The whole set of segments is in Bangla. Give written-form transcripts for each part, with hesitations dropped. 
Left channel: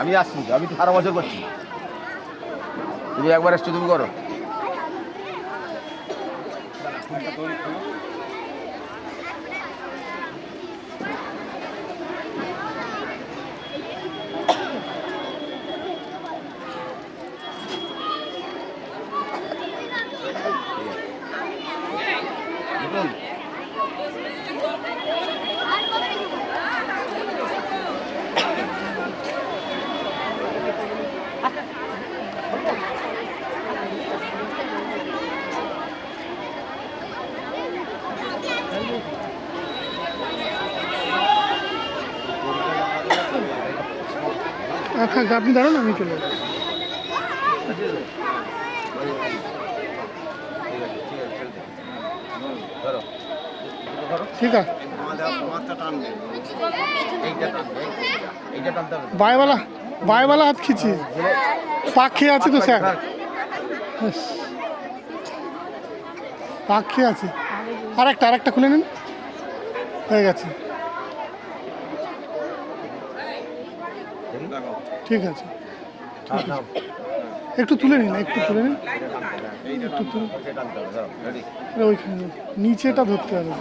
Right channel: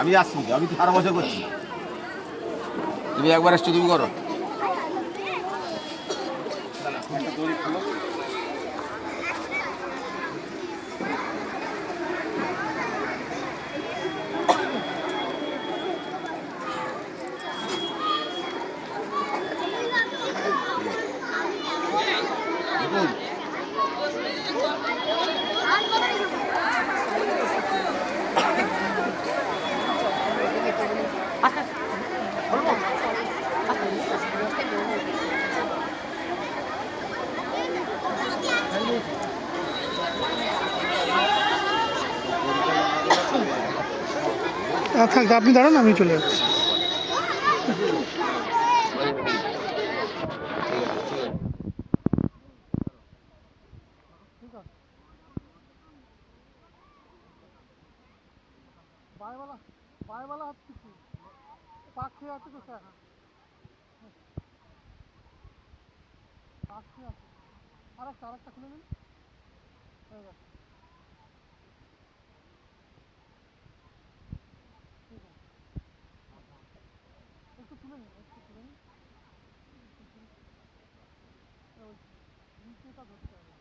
আমি আসছি, আমি তো 12 বছর করছি। তুমি একবার এসছো, তুমি করো। আপনি দাঁড়ান, আমি চলে যাচ্ছি। ঠিক আছে, বায়ওয়ালা হাত খিচি পাক খেয়ে আছে তো স্যার, পাক খেয়ে আছে। আরেকটা খুলে নিন, হয়ে গেছে। ঠিক আছে, একটু তুলে নিন, ওইখানে নিচেটা ধরতে হবে,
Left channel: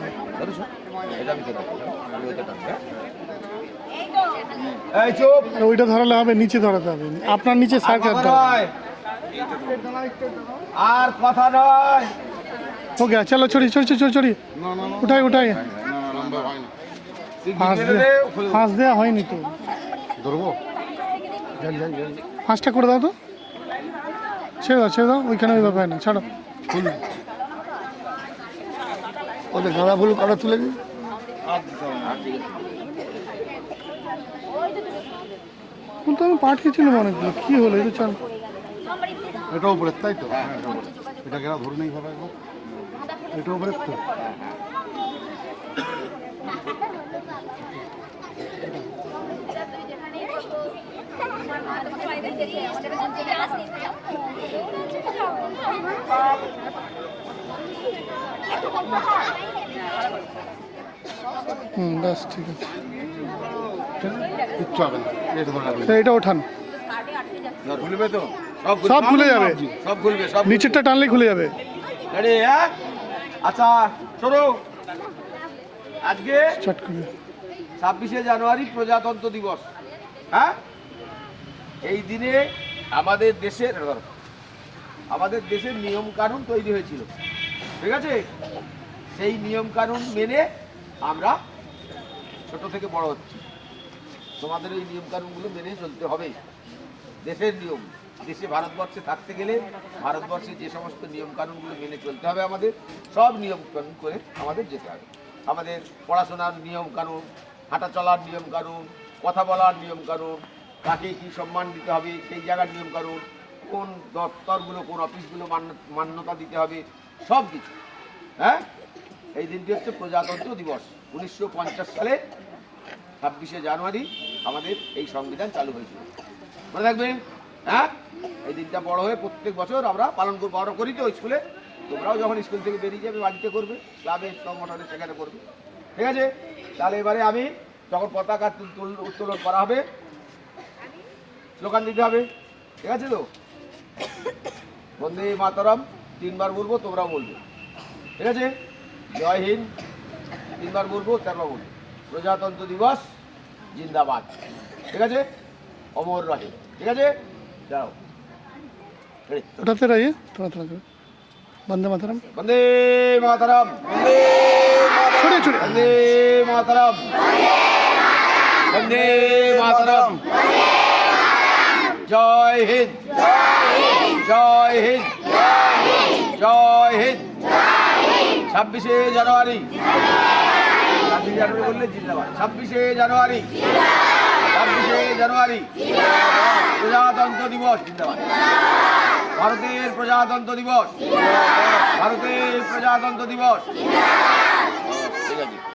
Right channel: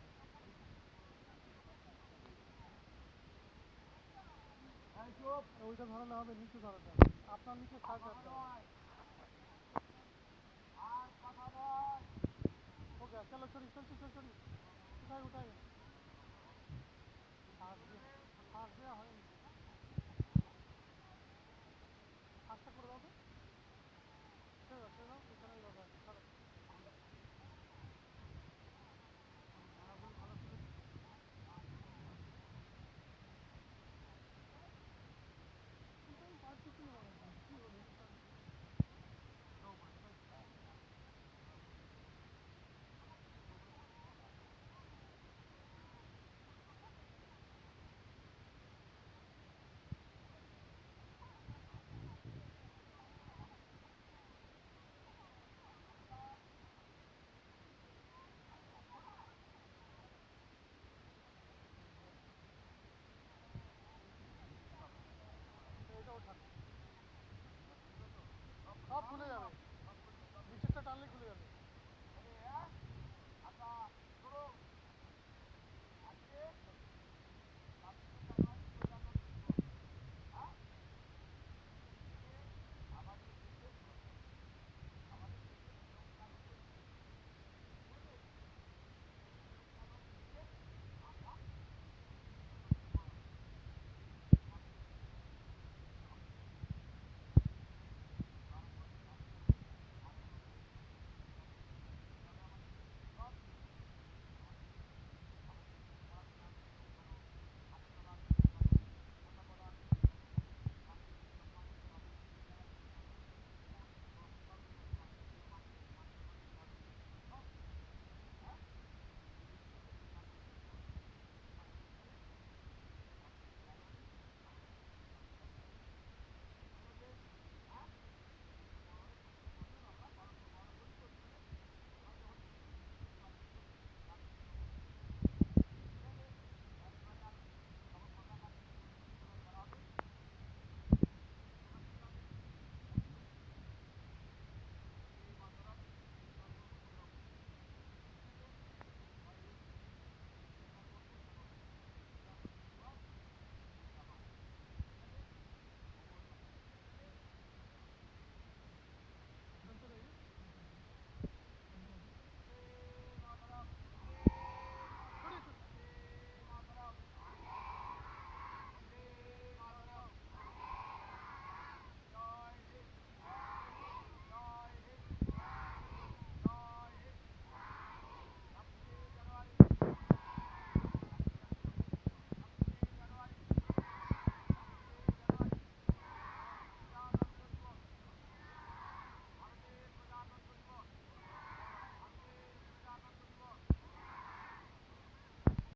ওইটা ধরালে হবে, নিচে ধরাতে হবে, আপনার নিচে স্যার আর কথা নয়। ওকে, চলো ছড়ি উঠাই ফাঁস দেওয়া হয়নি তো, ফাঁসটা করে দাও তো, ছেড়ে দাও ওইখানে, ওই ব্যাপার না, ছাড়ো। ওদের গাঁদা ফুল কাটা তুলে দিন। ফুল তো আমি পাঠিয়েছিলাম অনেকগুলো, কি হলো এটা? চল, এটাও উপরে, তাই তো? এটা কেন ধরে নেই ভাবে, এটাও উপরে তো। ব্যাস ঠিক আছে, কিচ্ছু হবে না, এটা ওঠান, খুলবে তো, সব খুলে যাবে, সব খুলবে, সব নিচেরটা টানলে খুলে যাবে। আচ্ছা শোনো, আজকে চট করে 26শে জানুয়ারি প্রজাতন্ত্র দিবস। হ্যাঁ, এই দিনে আমাদের দেশের নিয়ম কানুন তৈরি হয়েছিল, ঠিক আছে? সেই নিয়ম কানুন মেনে আমরা ছোট থেকে বড় হচ্ছি। তোমাদের এই নিয়ম কানুনগুলো মেনে চলতে হবে, দেশের নিয়ম। দেশে ভারতবর্ষে থাকতে গেলে ভারতবর্ষে যে সমস্ত নিয়ম কানুনগুলো মেনে চলতে হবে, আমাদের সব নিয়ম কানুন করে আমাদের যেতে হবে। আমাদের পড়াশোনার নিয়ম কানুন, হাঁটা চলার নিয়ম কানুন, কথা বলার নিয়ম কানুন, কাকে কী সম্মান দিতে হবে সেই জায়গার নিয়ম কানুন, কোন দপ্তরগুলো কোন অফিসগুলো মান্যতা দিতে হবে, সব কিছু। হ্যাঁ, এই দিনটি হচ্ছে প্রজাতন্ত্র দিবস। 1950 সালে 26শে জানুয়ারি আমাদের এই সংবিধান চালু হয়েছিল, মনে রাখবেন। হ্যাঁ, এই দিনটা বড় হয়ে প্রত্যেক বছর আমরা পালন করবো। বড় করি তো স্কুলে, তোমরাও যখন স্কুল থেকে বেরিয়ে যাবে বাড়িতে করবে, ক্লাবে সংগঠনে সেখানে করবে, ঠিক আছে? তাহলে এবারে আমি যখন পতাকা উত্তোলন করা হবে, স্লোগান দিতে হবে, ঠিক আছে তো? বন্দে মাতরম 3 বার বলবো, তোমরাও বলবে, ঠিক আছে? জয় হিন্দ 3 বার বলবো, 4 বার বলবো। প্রজাতন্ত্র দিবস জিন্দাবাদ, ঠিক আছে? অমর রহে, ঠিক আছে? যাও ওটাতে রয়ে তোরা বন্দে মাতরম, বন্দে মাতরম, বন্দে মাতরম, বন্দে মাতরম। জয় হিন্দ, জয় হিন্দ, জয় হিন্দ। 26শে জানুয়ারি, 26শে জানুয়ারি বললে জিন্দাবাদ। 26শে জানুয়ারি, 26শে জানুয়ারি প্রজাতন্ত্র দিবস, জিন্দাবাদ। ভারতের প্রজাতন্ত্র দিবস, ভারতের প্রজাতন্ত্র দিবস।